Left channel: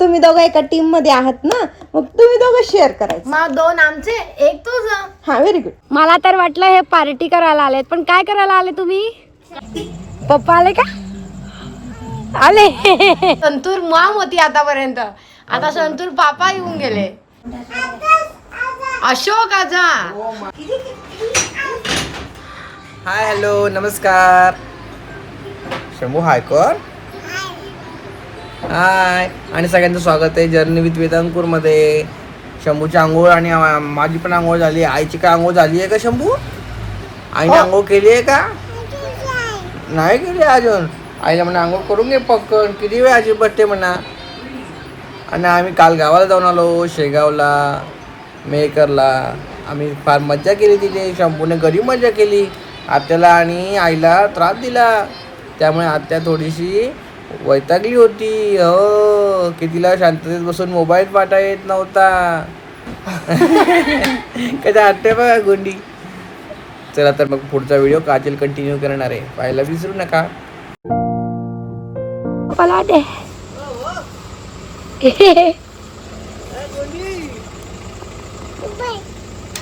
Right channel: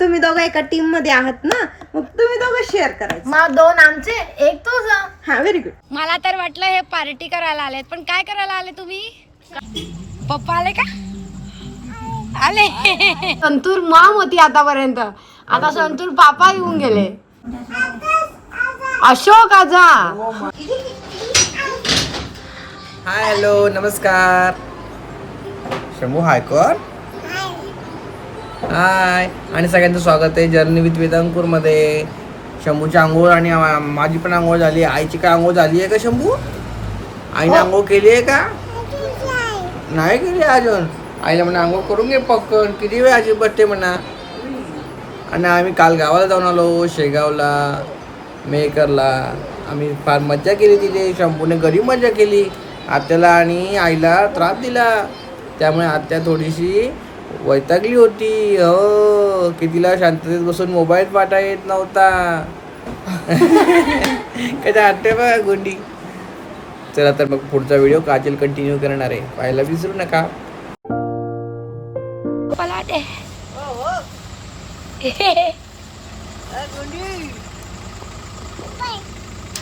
तुम्ही दोघं एका टीममध्ये आहात ना मग तुम्ही दोघं शेअर करायचं. मग दोन आमचे एक तुझं. हा व्हेरी गुड मला तर वाटलं हे पार्टी करायला आलेत पण काय करायला आले तुम्ही? पप्पा आले का? आले. संतूर मॉम होती आतापर्यंत. आता संतूर पापा येऊन गेले. अशोक आजा. हाय हॅलो नमस्कार. शंभू हाय कोण? हाय आणि सगळ्यांचं स्वागत आहे जर्नी विथ वेदांपूरमध्ये शंभूची आंघोळ आणि माझी पण आंघोळ झाली. आईची काय आंघोळ झाली आहे का शंभू? आईने आंघोळ केली आहे का? नाही. केली अजून. आईला म्हणा आंघोळ करून घे पक्कन किती वेळ आजी बर्थडे म्हणा. आणि आम्ही काल गावाला जाऊन आलो शेगावला मेहकरला. आम्ही फार मज्जा केली तिथे. शंभूने घरी मजा केली. आत्याला आणि आईला त्रास दिला. त्यामुळे आत्या थोडीशी वैतागली होती. हो की तिला शांततेत बसून मोबाईल पाठा येत नव्हता. कधी आत्या बघा गुंडी. चला तर मग पुढचा व्हिडिओ काजल कंटिन्यू करणार आहे. पाहायला विसरू नका.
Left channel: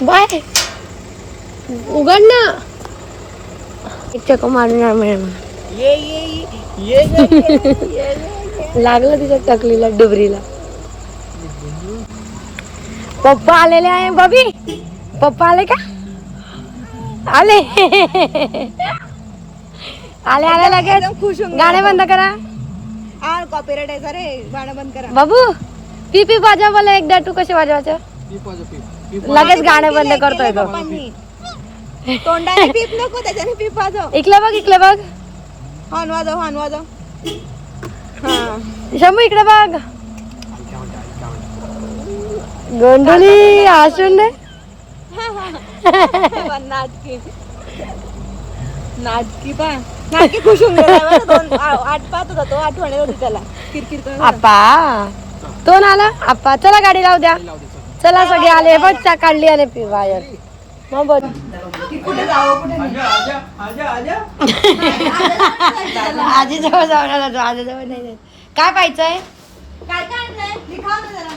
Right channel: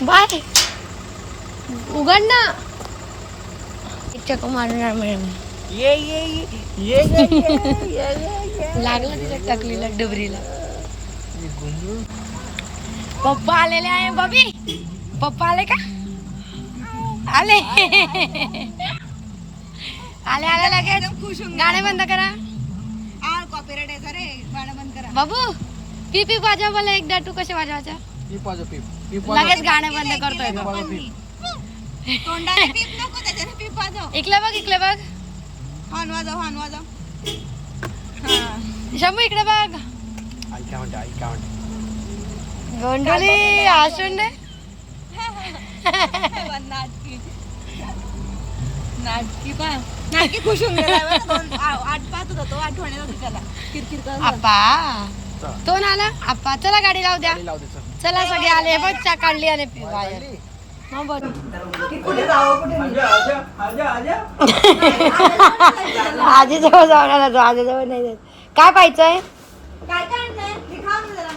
बाय. उघड ना. इच्छा मारणार म्हणून. ये ये ये लागलं तिच्या टकलीला डुबरीला. पप्पा आलेले आहे बबी पप्पा आले का? आले. आले आले लगेच. खुश होऊन गाणे बंद करा. कॉपीराईट आहे रे गाणं बंद करा. बाबू पी पी वाजव मला एकदा तू कसे वाजवायचं? लगेच गाणे बंद करतोय तो. तोंडाने पीप नको त्याच्याने पीप वाजव. इकडे बघ इकडे बघ. हॉर्न वाजव हॉर्न वाजव शंभू इकडे बघ. गोंडोली हसून दे नाटकी. नाटकी पा. नाटकी खुश होऊन गेला. दोन आठ पाहत होता तो आठवण होती त्याला. किरकिर करत होता. आप्पा तो आला? आप्पा चला गाडी लावू द्या. चला सगळे आले. बघ चा काढली आले पी आजी जवळ जाऊन आला तो आजी जवळ नाही जात. काय पाहिजे काय काय आणलंय? दिखाव ना जरा.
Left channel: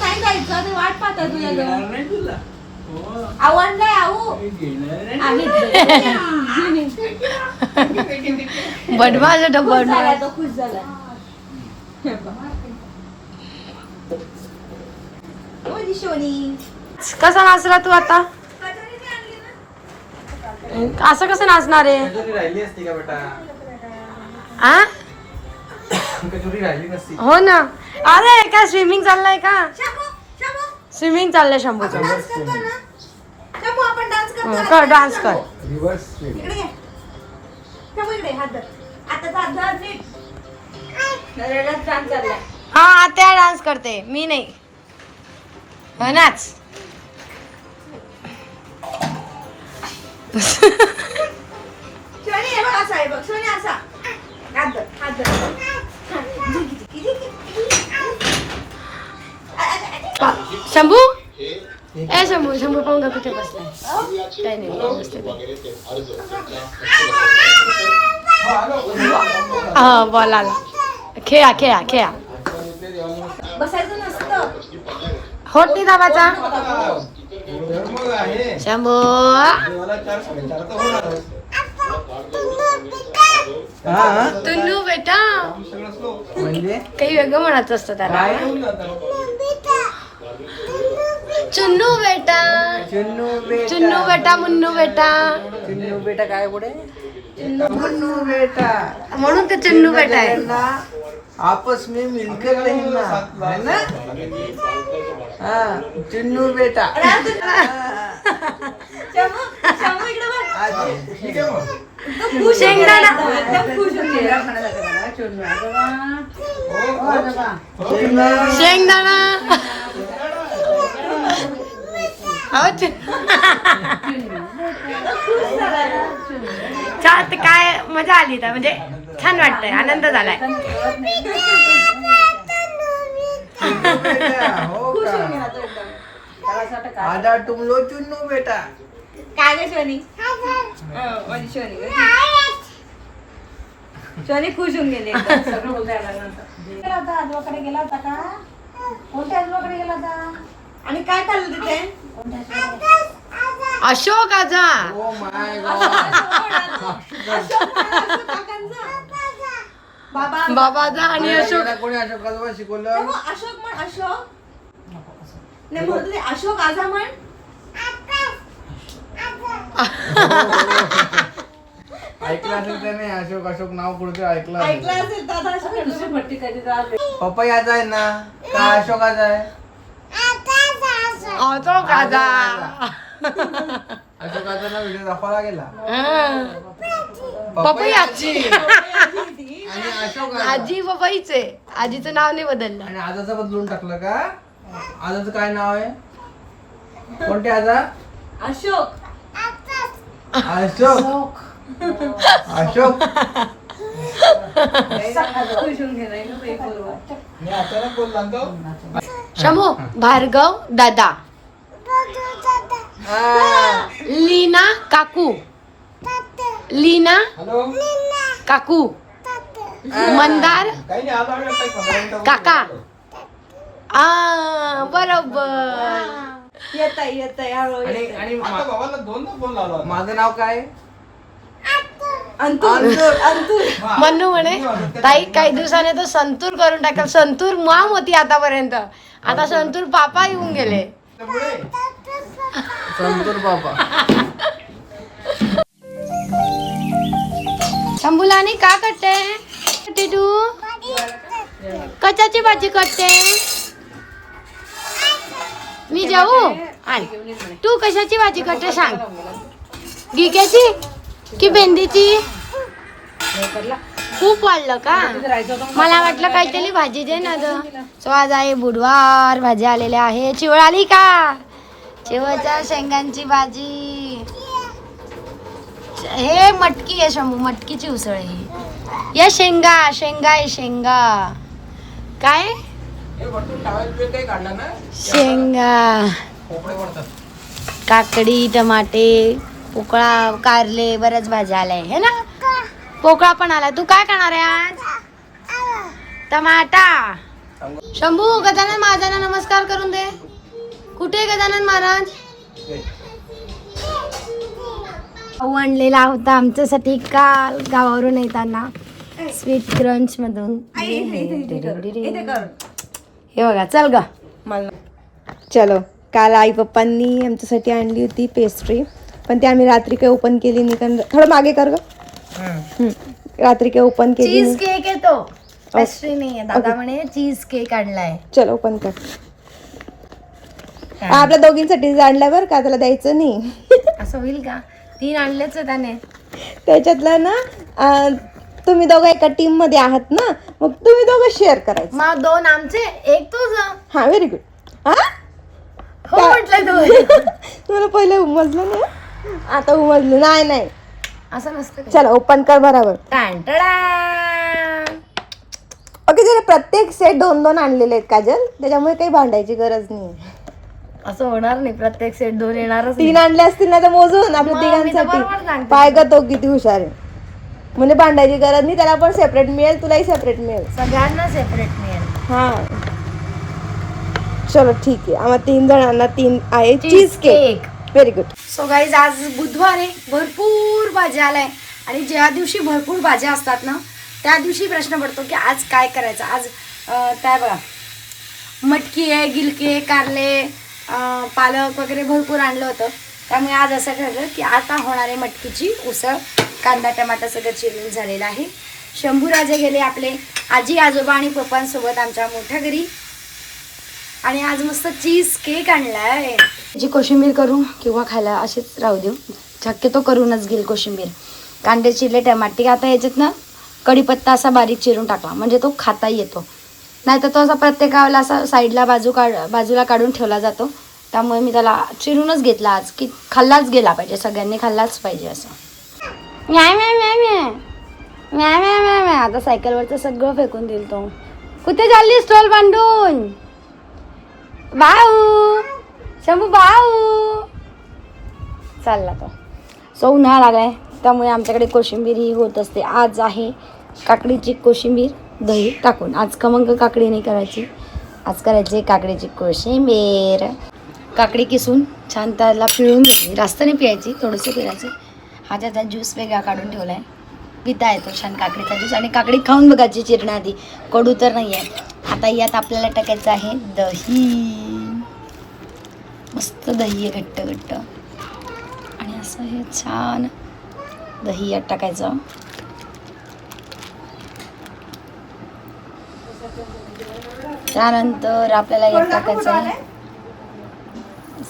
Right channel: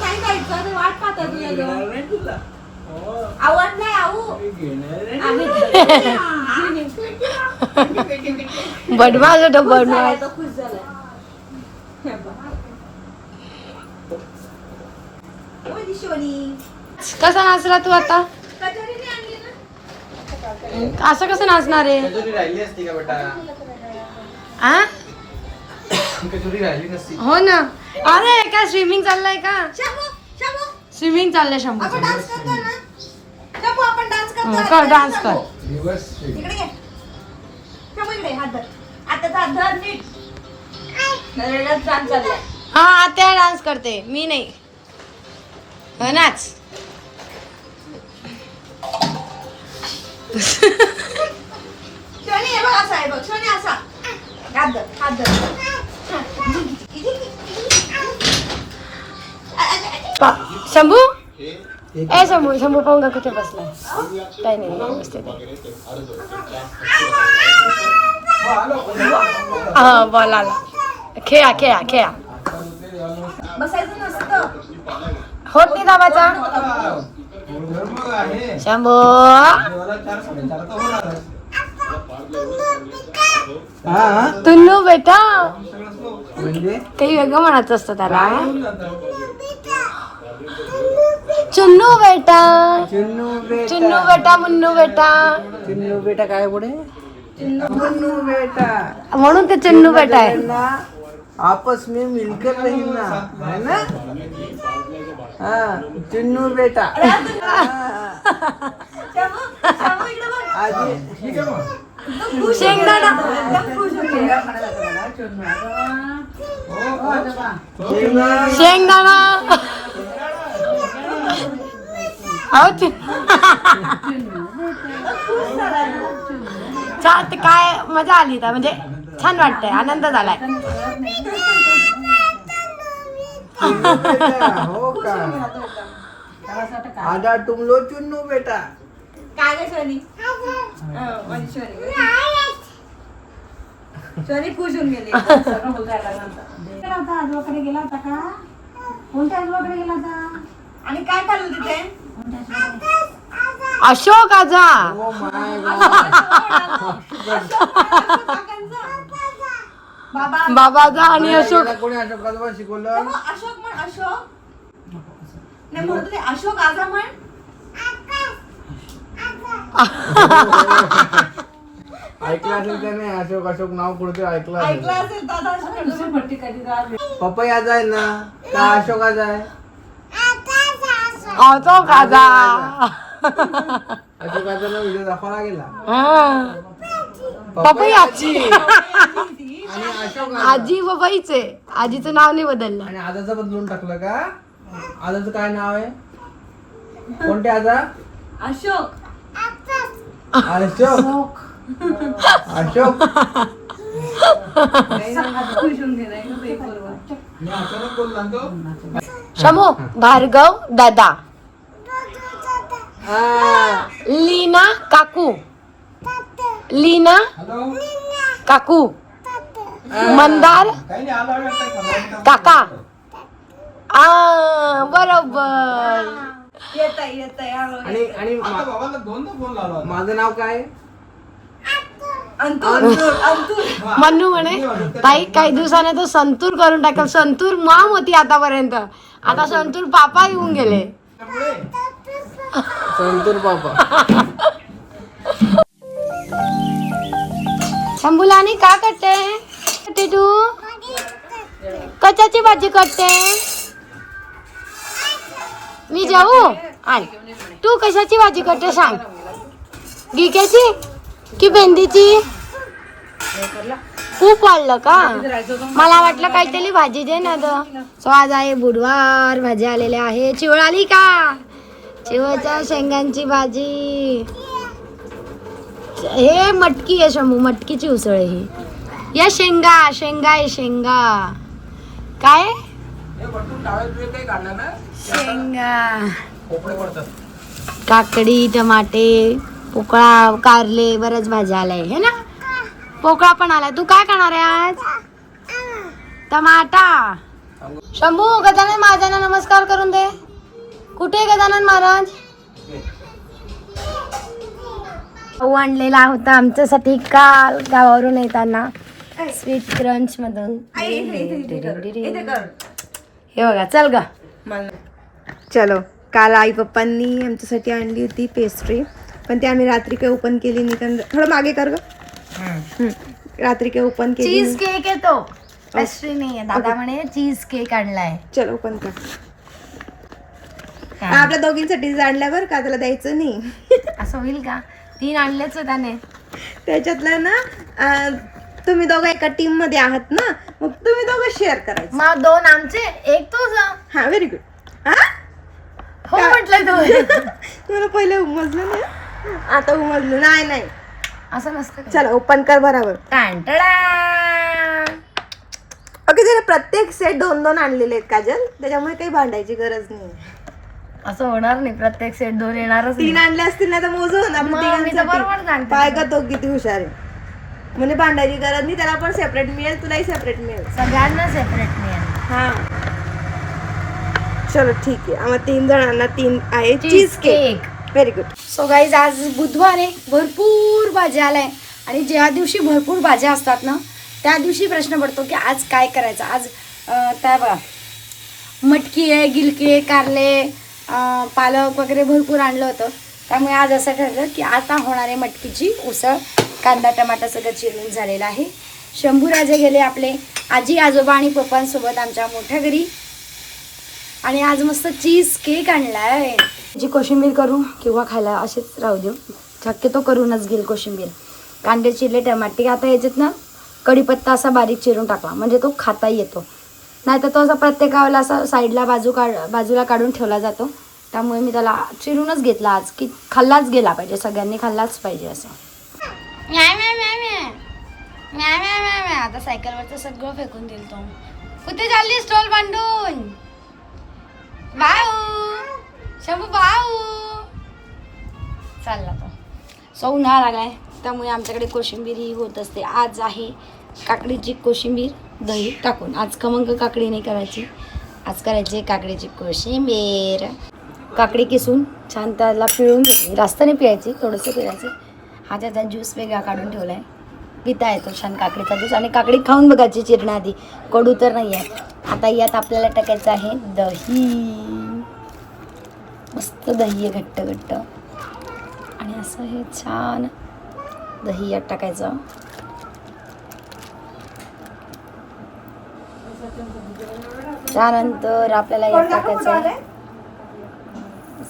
जायचं ते वाट. आवडलंय आऊ? बदमाश तो खुश झालाय. कसा नाचला तू आता? असं कसं नाचणार आहे? कचोरी राहिली असती का बेटा? आ? कचोरी राहिली नसती. हो ना. अरे काय स्विमिंग चाललंय का? शंभू, शंभू, स्विमिंग चाललंय शंभूचं? शंभू, आपण डान्स करतो. हं, कर डान्स कर. इकडे घे. शंभू, इकडे, हात धर. आता हात धर नीट. नरेला छान चाललंय. हा त्या डान्स करते. मी नाही. हो नाच शोनी, हे बघ, असा आहे बघ. शोनी, असा. हात धर, हात धर. पा- शंभू ए शंभू शंभू पाहून का कुठे बसलाय काही नाही नमस्ते हा बॉल आला खेळा खेळा खेळा बसायचं नसतं. होत नाही दाबाचा शंभू. तुन्नू बेटा. म्हणजे? काही वेगळं म्हणायचं असतं त्याला. चुन्नू बेटा. चुन्नू बेटा. चुन्नू बेटा मुन्नू बेटा. चुन्नू बेटा काय पुढे? चुन्नू बेटा. म्हणून ते चुन्नू बेटा आहे. ना आपस में मिलकर रहना है ना? हाँ चुन्नू बेटा. शंभू, शंभू, इकडे बघ. शेंगदाणा. शेंगदाणा. छान काय मजा आली तर म्हणजे छान वाटतंय आनंद झालाय. चुन्नू हो का आधा तुम लो चुन्नू बेटा काय ग शोनी हं, माझी शोनी खुश होऊन गेले. एकदम सगळं उजाडल्यानंतर. गेला होता आजोबाकडे गेला होता का? कोणत्या आजोबाकडे गेला होता? आणि काय खाल्लं तिथे? अशोक आजा. ओ माय बाबा बाबाचा आणि अशोक. कोणी अशोकाचं शिकवलं? हो, अशोक म्हण अशोक. नाही म्हणतो अशोक आजा म्हण? ऐकलं असेल त्याने अशोक अशोक नाव कुठे ऐकलं ऐकलं असेल असेल दादा अशोक आहे ना? का अशोकाचा आहे? अशोक आजा. अशोकाचा ना व्हिडिओ दाखवला गेला हा. पपई आजी. आणि अशोक आजा. आजी पपईचे आजीचं नाव नाही बदललं. आणि आजाचं बदलून टाकलं का? आजाचं काय नाव आहे? कोणते आजा? अशोक. अशोक. अशोक. मी अचानक बोलला तो. शमू भार्गव दादा. लीना काकू. लीना हॅलो. काकू. मंदार. काका. आ बरोबर. आणि माझं नाव काय? अंतूर अंतूर. मन्नू म्हणे ताई काही दिवसाने तो संतूर करून टाकेल. संतूर माम होती आतापर्यंत. आता संतूर पापा येऊन गेले. संतूर पापा शंभूलानी का करते कटते तू कशाची भाजी कटते मी जाऊ? आण. तू कशाची भाजी करते सांग. गिक्याची की भेंडीची? खूप वाढलं का? मला वाटलं काहीतरी भाजी दे ना ग. सो आज आहे बुधवार भाजी आलेल्या आहे चिवळ आली का? चिवळच्या शेंगांची भाजी. हे मटकी आहे शंभू मटकीची उसळ आहे ही. या शेंगा शेंगा आहे शेंगा. काय? शेंगा. काकडी टमाटे पोकळा कारले बऱ्याच भाज्या आलाय हे ना? पोकळा पण आलाय तू काय खाणार आहे आज? टमाटा. शंभू गजानन महाराजांना नमस्कार करून दे. कुठे गजानन महाराज? भाऊ आणलेला होता आमच्यासाठी काल गावावरून येताना. स्वीट क्रंच मधून. हे बघा चल ग. चलो काल आई पप्पांनी आमच्यासाठी आणली होती पेस्ट्री पण ती आम्ही रात्री काही ओपन केली नाही. कारण थोडं मागे कर ग. रात्री काही ओपन केली चीज नाही. केक आहे तो पेस्ट्री नाहीये. दादा म्हणे चीज केक आणलाय. चलो ओपन कर. आपल्या दोघींसाठी आणल्या बरं का त्याला द्यायचं नाही? असं होईल का? तीन आणलेच आहे त्याने. त्याच्यातलं ना अं, तुम्ही दोघं एका टीममध्ये आहात ना मग तुम्ही दोघं शेअर करायचं. मग दोन आमचे एक तुझ. हा व्हेरी गुड हा? हो म्हटलं तू. तुला पहिले उमजलं ना आता उमजलं. नाही नाही. असं नसतं का? चला ओपन कर बरोबर. टाण टडाण. ओके जरा प्रत्येक सेट दोन दोन आणलेले आहेत काजल. त्याच्यामुळे काही भांडायची गरज नाही. असं होणार नाही प्रत्येक सेट दोन येणारच तीन. आणले असतील ना तर मोजून आपल्या मग मी तर बरोबर तिघांसाठी सांगते. पाय का तो किती हुशार आहे. म्हणजे भांडायची गरज नाही त्याला पण सेपरेट मिळेल तुलाही सेपरेट मिळेल. सगळ्यांना सेपरेट मिळेल. हा. चलो ठीक आहे. आम्हाला तीन जणांना तीन आहे. Cheese cake very good so guys आज बुधवार आहे. भरपूर भाज्या आलाय. आणि ज्या दिवशी भरपूर भाज्या असतात ना त्या दिवशी प्रश्न पडतो की आज काय करायचं? आज अं, काय बघा. मटकी आहे गिलकी आहे कारले पालक वगैरे भरपूर आणलं होतं. त्यामुळे आज असं ठरलं की आता होणारे मटकीची उसळ. कांदा टमाटा सगळं चिरून झालेलं आहे. शंभूराजे गेले आपले आजी आजोबा आणि पप्पांसोबत आमच्या मोठ्या घरी. आणि आज मस्त चीज केक आणलाय. जी कोशिंबीर करू किंवा खायला अशीच राहू देऊ. शक्यतो करूनच घेईल कोशिंबीर. कांदे चिरले टमाटे. आता याच्यात ना कढीपत्ता असा बारीक चिरून टाकला. म्हणजे तो खाता येतो. नाहीतर तो असा प्रत्येकाला असा साईडला बाजू काढ बाजूला काढून ठेवला जातो. त्यामुळे मी त्याला चिरूनच घेतला आज की खाल्लाच गेला पाहिजे सगळ्यांनी खाल्लाच पाहिजे असं. म्या म्या म्या म्या. म्या म्या म्या म्या. आता सायकलवरचं सगळं फेकून दिल तो. कुठे चालली स्टॉल बांधून? भाऊ शंभू भाऊ. चालला तो. सो उन्हाळा लागलाय त्यामुळे आमच्याकडे कोशिंबीर ही होत असते. आज आहे काकडीची कोशिंबीर. दही टाकून. आज खमंग काकडी नाही करायची. आज करायची काकडीची कोशिंबीर. काकडी किसून छान त्याला पिळून घेतली. जास्त नाही पिळायची थोडंसं पिळायचं. हा त्याचा ज्यूस वेगळा काढून ठेवला आहे पिता येतो छान काकडीचा ज्यूस आणि काकडी खाऊन बघायची चिरणं आधी कडू तर नाही आहे आता यात आपल्याला टाकायचं आहे दही. मस्त दही आहे घट्ट घट्ट. आणि असं हे छान दही यात टाकायचं. त्यानंतर आपल्याला यात टाकायचं आहे?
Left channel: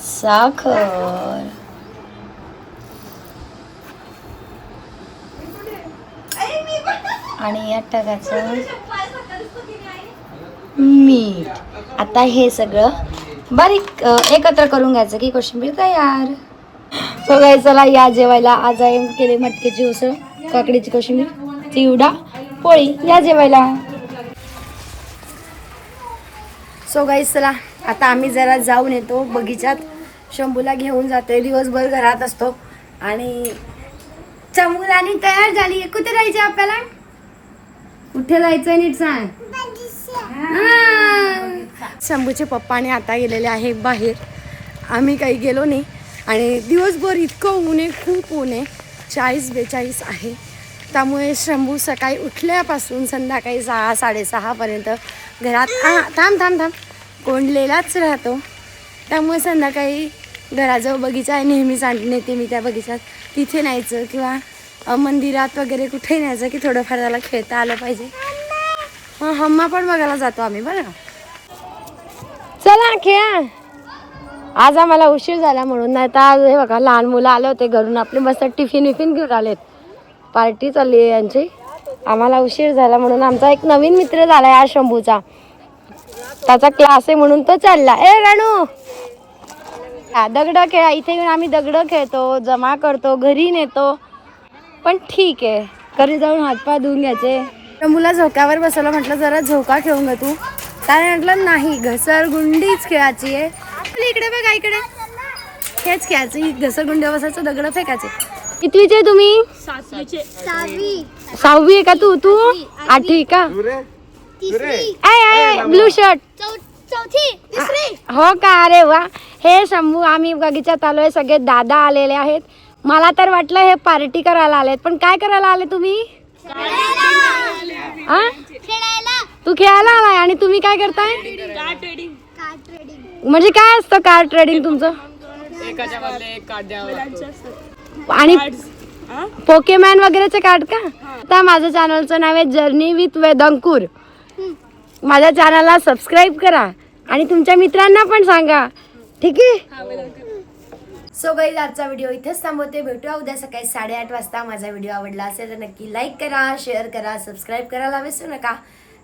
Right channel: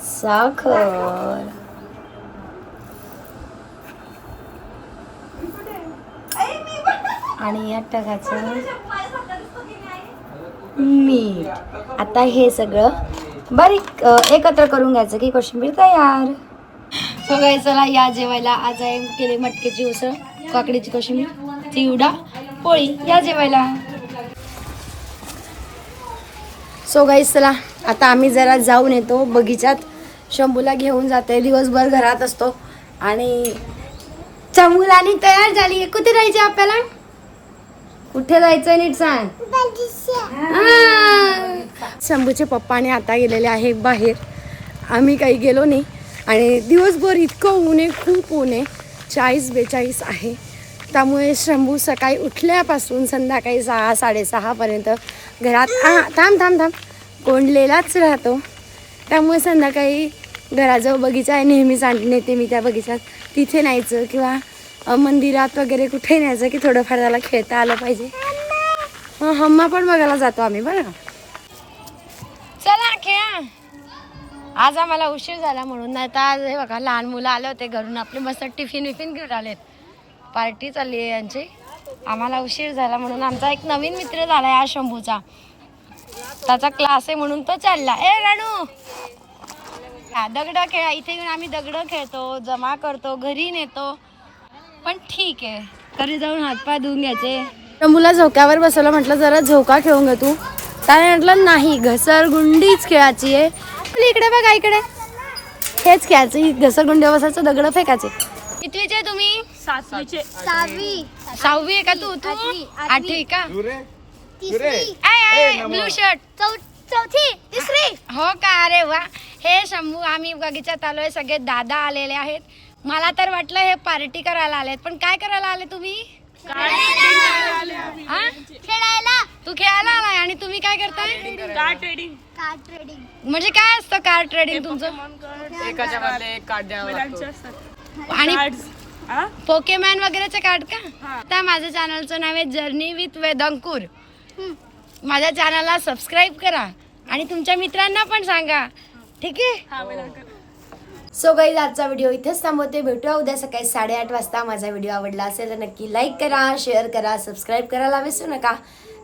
साखर. आणि यात टाकायचं मीठ. आता हे सगळं बारीक एकत्र करून घ्यायचं की कोशिंबीर तयार. सगळे चला या जेवायला. आज आहे केले मटकीची उसळ काकडीची कोशिंबीर चिवडा पोळी. या जेवायला. सो गाईस चला आता आम्ही जरा जाऊन येतो बगीचात शंभूला घेऊन जाते दिवसभर घरात असतो. आणि चमुलाने तयार झाली. कुठे जायचं आपल्याला? कुठे जायचं नीट सांग. शंभूचे पप्पाने आता गेलेले आहे बाहेर. आम्ही काही गेलो नाही. आणि दिवसभर इतकं ऊन आहे खूप ऊन आहे. चाळीस बेचाळीस आहे. त्यामुळे शंभू सकाळी उठल्यापासून संध्याकाळी सहा साडेसहापर्यंत घरात आ थांब थांब थांब. कोंडलेलाच राहतो. त्यामुळे संध्याकाळी घराजवळ बगीचा आहे. नेहमीच आण नेते मी त्या बगीचात. तिथे न्यायचं किंवा मंदिरात वगैरे कुठे न्यायचं की थोडंफार त्याला खेळता आलं पाहिजे. हां हम्मा पण बघायला जातो आम्ही बरं चला खेळा. आज आम्हाला उशीर झाला म्हणून. नाही तर आज हे बघा लहान मुलं आले होते घरून. आपले मस्त टिफिन विफिन घेऊन आलेत. पार्टी चालली आहे यांची. आम्हाला उशीर झाला म्हणून आमचा एक नवीन मित्र झाला आहे आज शंभूचा. त्याचा क्लास आहे म्हणून तो चालला. ए राणू हा, दगडं खेळा. इथे येऊन आम्ही दगडं खेळतो जमा करतो घरी नेतो. पण ठीक आहे. घरी जाऊन हातपाय धुवून घ्यायचे. शंभूला झोक्यावर बसवलं म्हटलं जरा झोका खेळून घे तू. त्याने म्हटलं नाही घसरगुंडीच खेळायची आहे. इकडे बघा इकडे. हेच खेळायचं. घसरगुंडी बसायचं दगड फेकायचे. कितवीचे तुम्ही? सहावी आहे का तू? तू? आठवी का ब्लू शर्ट. हो का? अरे वा. हे शंभू आम्ही बगीचात आलोय सगळे दादा आलेले आहेत. मला तर वाटलं हे पार्टी करायला आलेत. पण काय करायला आले तुम्ही? हा? तू खेळायला आलाय. आणि तुम्ही काय करताय? म्हणजे काय असतं कार ट्रेडिंग तुमचं? आणि पोकेमॅन वगैरेचे कार्ड का? आता माझं चॅनलचं नाव आहे जर्नी विथ वेदंकूर. माझ्या चॅनलला सबस्क्राईब करा आणि तुमच्या मित्रांना पण सांगा. ठीक आहे? सो काही आजचा व्हिडिओ इथेच थांबवते. भेटूया उद्या सकाळी साडेआठ वाजता. माझा व्हिडिओ आवडला असेल तर नक्की लाईक करा शेअर करा सबस्क्राईब करायला विसरू नका.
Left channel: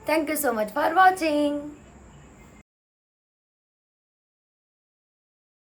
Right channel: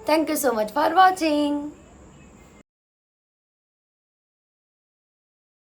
Thank you so much for watching